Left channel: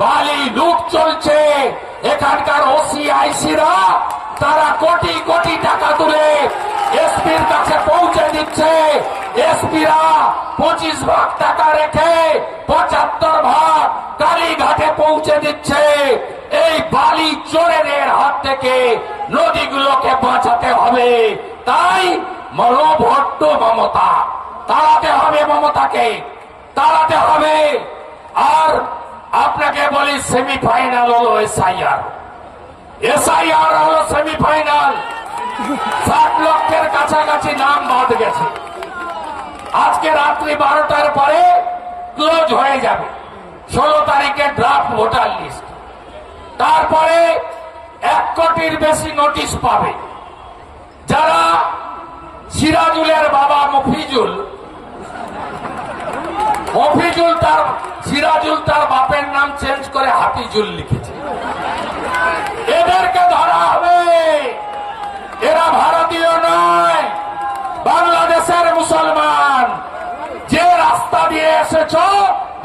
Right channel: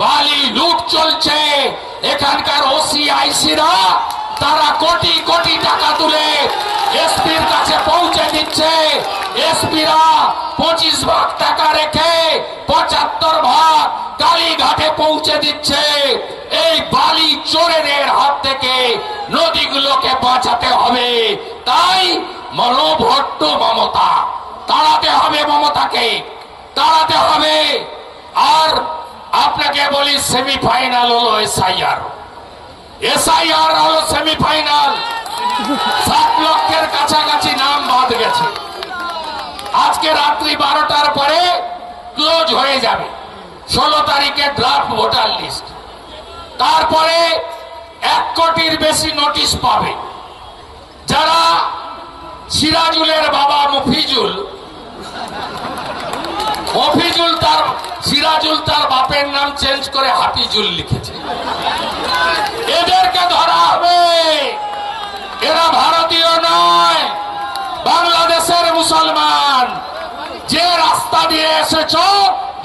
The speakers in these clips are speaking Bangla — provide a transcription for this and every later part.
বালি লুট চলছে। এখানকার ওসি আইসিরা তারা কোটি কোটি টাকা তুলে এসপির কাছে পৌঁছে দিচ্ছে। এসপিরা 25 ভাগ টাকা রেখে 75 ভাগ কালীঘাটে পৌঁছে দিচ্ছে। এই বালি চোরেদের হাত থেকে নদীগুলোকে বাঁচাতে হবে। তাই মনোভট্ট মমতা তাড়াতে হবে, মমতাকে তাড়াতে হবে। আর আপনাকে বলি, সেমিফাইনাল হলো এসআইআর হলো সেমিফাইনাল। 7 লক্ষের কাছাকাছি নাম বাদ গেছে। আজকে রাত্রি 12টার পরে ক্লোজ হয়ে যাবে। 16 তারিখে ড্রাফট ভোটার লিস্ট। তারপরে 1 কোটির বেশি নোটিশ পাবে। যারা সিরাজুলের বাবা মফিজুল সিরাজুল তার বাপের নাম চেঞ্জ করে হাফিজুল লিখেছে, এদেরকে ধরা হবে। এরা ভারতীয় নয়, বাংলাদেশের মুসলমান। যে রাস্তা দিয়ে এসেছ,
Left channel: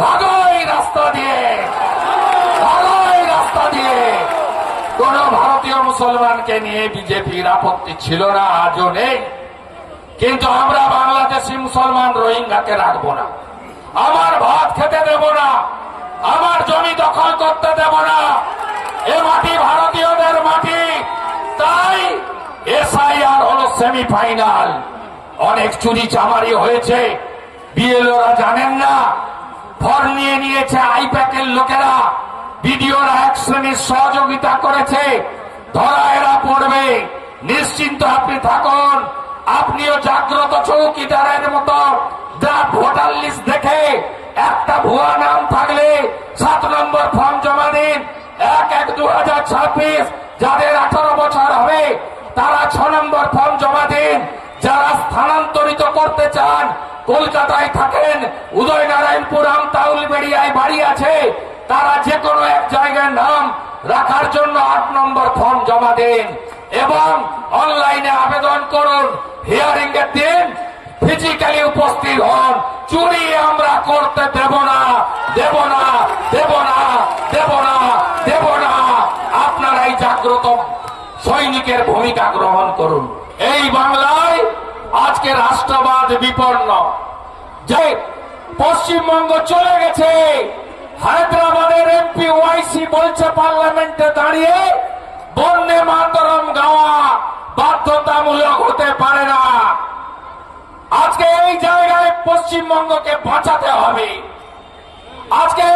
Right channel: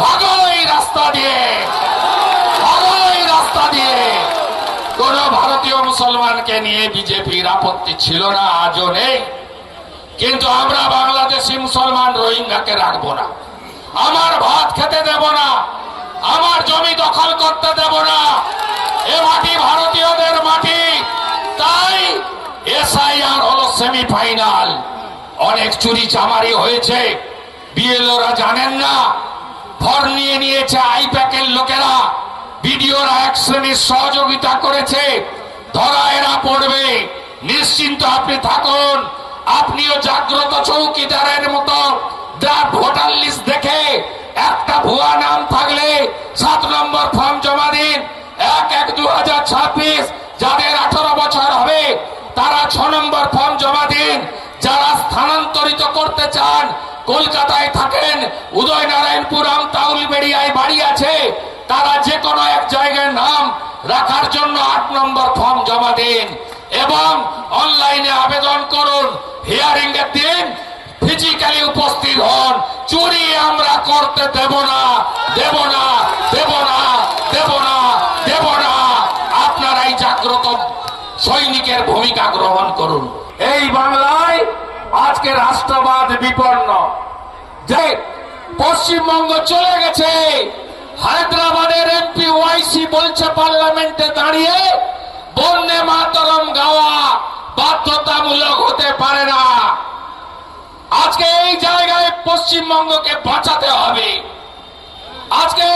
ভাগো এই রাস্তা দিয়ে, ভাগো এই রাস্তা দিয়ে। কোন ভারতীয় মুসলমানকে নিয়ে বিজেপির আপত্তি ছিল না, আজও নেই। কিন্তু আমরা বাংলাদেশি মুসলমান রোহিঙ্গাকে রাখবো না, আমার ভাত খেতে দেব না, আমার জমি দখল করতে দেব না। এ মাটি ভারতীয়দের মাটি। তাই এসআইআর হলো সেমিফাইনাল। অনেক চুরি চামারি হয়েছে, বিএলওরা জানেন না। ফর্ম নিয়ে নিয়েছে আইপ্যাকের লোকেরা, বিডিওরা এক শ্রেণীর সহযোগিতা করেছে। ধরা এরা পড়বে, নিশ্চিন্ত আপনি থাকুন। আপনিও জাগ্রত চৌকিদারের মতো ড্রাফট ভোটার লিস্ট দেখে একটা ভুয়া নাম থাকলে 7 নম্বর ফর্ম জমা দিন। 1/1/2026 যাদের 18 বছর হবে তারা 6 নম্বর ফর্ম জমা দিন। যারা স্থানান্তরিত করতে চান, কলকাতায় থাকেন, উদয়নারায়ণপুর, আমতা, উলবেড়িয়ায় বাড়ি আছে, তারা যে কোনো এক জায়গায় নাম রাখার জন্য 8 নম্বর ফর্ম জমা দিন এবং অনলাইনে আবেদন করুন। হিয়ারিং এর দিন ফিজিক্যালি উপস্থিত হন। চুরি আমরা করতে দেব না, দেব না, দেব না, দেব না, দেব না। আপনারাই জাগ্রত সৈনিকের ভূমিকা গ্রহণ করুন। এই বাংলায় আজকে রাষ্ট্রবাদ বিপন্ন। যে পশ্চিমবঙ্গ চলে গেছে, হায়দ্রাবাদের এমপি ওয়াইসি বলছে পার্লামেন্টে দাঁড়িয়ে বন্দে মাতরম গাওয়া বাধ্যতামূলক হতে পারে না। আজকে এই জায়গায় পশ্চিমবঙ্গকে বাঁচাতে হবে। আজকে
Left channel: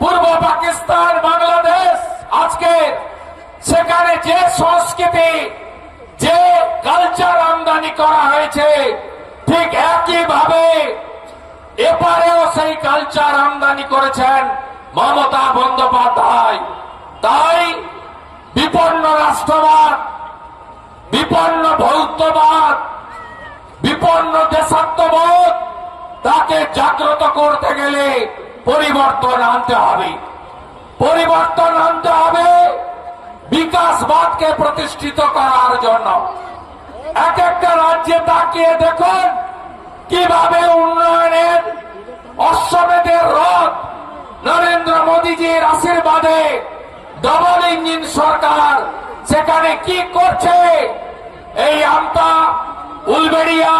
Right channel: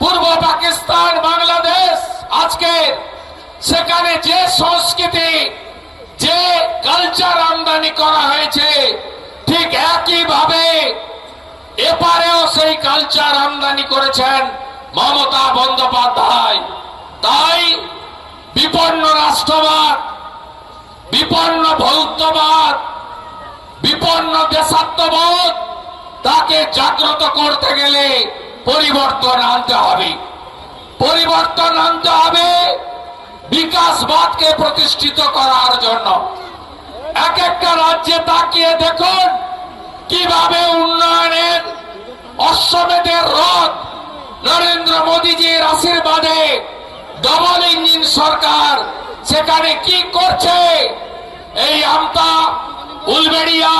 পূর্ব পাকিস্তান, বাংলাদেশ, আজকে সেখানে যে সংস্কৃতি, যে কালচার আমদানি করা হয়েছে, ঠিক একইভাবে এপারেও সেই কালচার আমদানি করেছেন মমতা বন্দ্যোপাধ্যায়। তাই বিপন্ন রাষ্ট্রবাদ, বিপন্ন ভৌতবাদ, বিপন্ন দেশাত্মবোধ, তাকে জাগ্রত করতে গেলে পরিবর্তন আনতে হবে। পরিবর্তন আনতে হবে বিকাশবাদকে প্রতিষ্ঠিত করার জন্য। এক একটা রাজ্যে তাকিয়ে দেখুন কিভাবে উন্নয়নের অশ্বমেধের রথ নরেন্দ্র মোদীজির আশীর্বাদে ডবল ইঞ্জিন সরকার সেখানে কি করছে। এই আমতা, উলবেড়িয়া,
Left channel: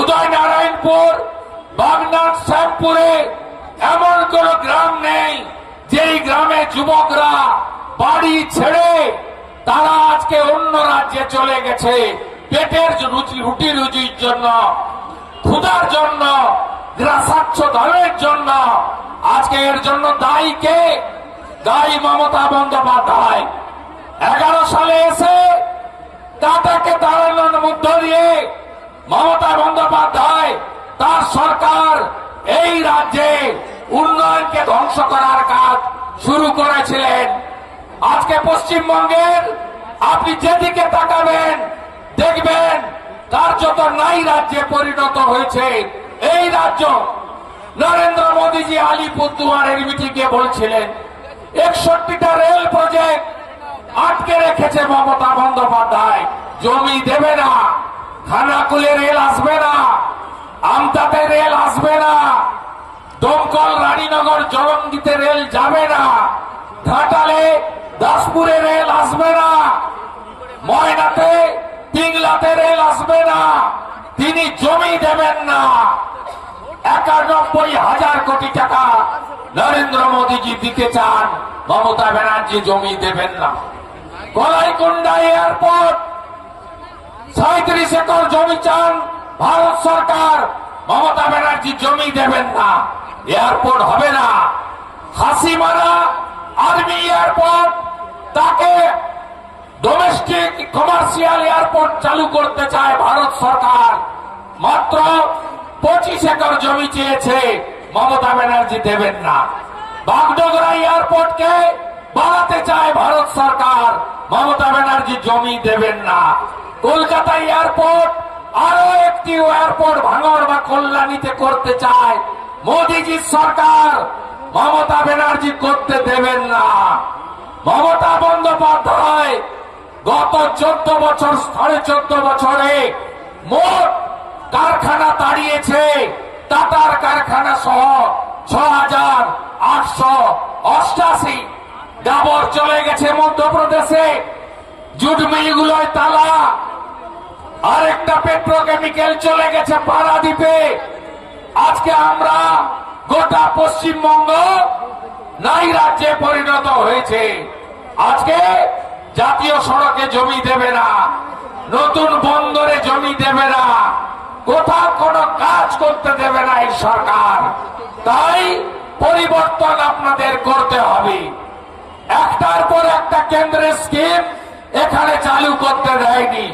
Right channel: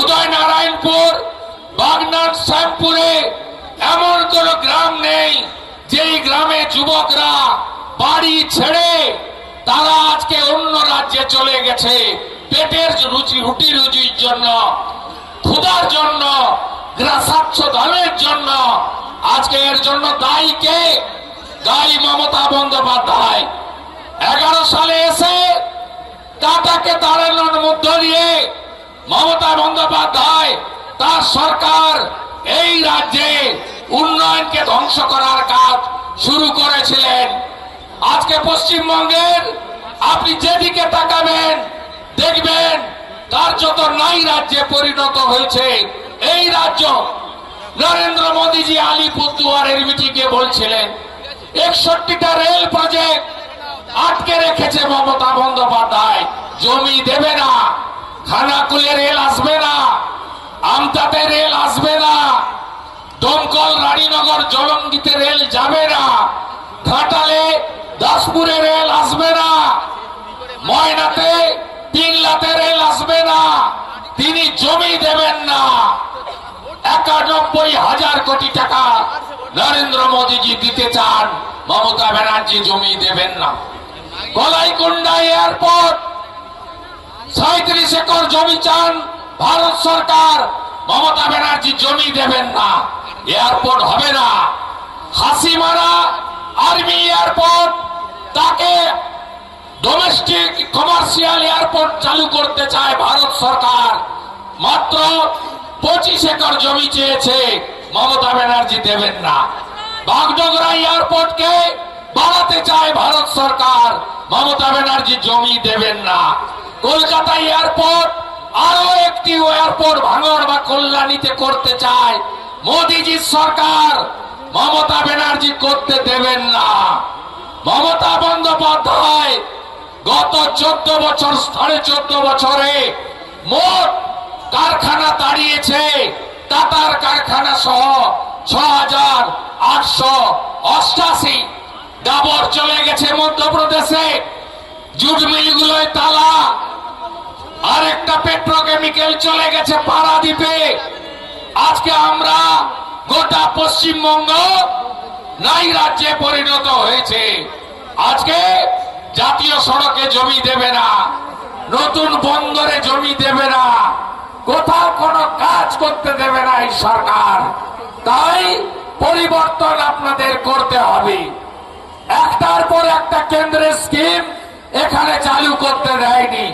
উদয়নারায়ণপুর, বাগনান, শ্যামপুরে এমন কোন গ্রাম নেই যেই গ্রামে যুবকরা বাড়ি ছেড়ে তারা আজকে অন্য রাজ্যে চলে গেছে পেটের রুটি রুজির জন্য, ক্ষুধার জন্য, গ্রাসাচ্ছ ধানের জন্য। আজকে এর জন্য দায়ী কে? দায়ী মমতা বন্দ্যোপাধ্যায়। 11 সালে এসে টাটাকে দাঁড়ানোর মধ্য দিয়ে মমতা বন্দ্যোপাধ্যায় তার সরকার এই রাজ্যে উন্নয়নকে ধ্বংস করার কাজ শুরু করেছিলেন। আজকে পশ্চিমবঙ্গের আপনি যেদিকে তাকাবেন দেখবেন কার্যত নাই রাজ্যে পরিণত হয়েছে এই রাজ্য। নরেন্দ্র মোদীজি আলিপুরদুয়ারের মিটিংয়ে বলছিলেন 61টা রেল প্রজেক্ট আটকে রেখেছে মমতা বন্দ্যোপাধ্যায়। জমি দেবে না, খানাকুলে রেল আসবে না, আমতাতে রেল আসবে না, দমকল রানীনগর জলঙ্গিতে রেল যাবে না, ঘাটালে দাসপুরে রেল আসবে না, ময়নাতে পিংলাতে রেল আসবে না, তিনি জমি দেবেন না। 91,000 কোটি টাকা নরেন্দ্র মোদীজি দিতে চান, মমতা ব্যানার্জি জমি দেবেন না। কলাইকুণ্ডা এয়ারপোর্ট 37 একর জমি চান ভারত সরকার, মমতা ব্যানার্জি জমি দেবেন না, এয়ারপোর্ট হবে না। হাসিমারা আর্মি এয়ারপোর্ট, তাকে ডোমেস্টিক কমার্শিয়াল এয়ারপোর্ট চালু করতে চায় ভারত সরকার, মাত্র 25 একর জমি চেয়েছে, মমতা ব্যানার্জি দেবেন না। বাগডোগরা এয়ারপোর্টকে বাড়াতে চায় ভারত সরকার, মমতা ব্যানার্জি জমি দেবেন না। কলকাতা এয়ারপোর্ট আরো একটি এয়ারপোর্ট ভাঙড় বা কল্যাণীতে করতে চায় মোদীজির সরকার, মমতা ব্যানার্জি করতে দেবেন না। মমতা বন্দ্যোপাধ্যায় গত 14 বছর 14.5 বছরে মোট কারখানা তাড়িয়েছে, টাটার কারখানা সহ 6,888। ডাবর চলে গেছে মধ্যপ্রদেশে, জুট মিলগুলোয় তালা, আরেকটা পেট্রোকেমিক্যাল চলে গেছে পারাদ্বীপে। আজকে আমরা গোটা পশ্চিমবঙ্গ নাই রাজ্যে পরিণত হয়েছে। আজকে জাতীয় সড়কে জমি দেবে না, নতুন বন্দরে জমি দেবে না, কোথাও কোনো কাজ করতে দেবে না এই সরকার। তাই পরিবর্তন আপনাদের করতে হবে। একটার পর একটা কেন্দ্রের স্কিম এখানে চালু করতে দেয়নি।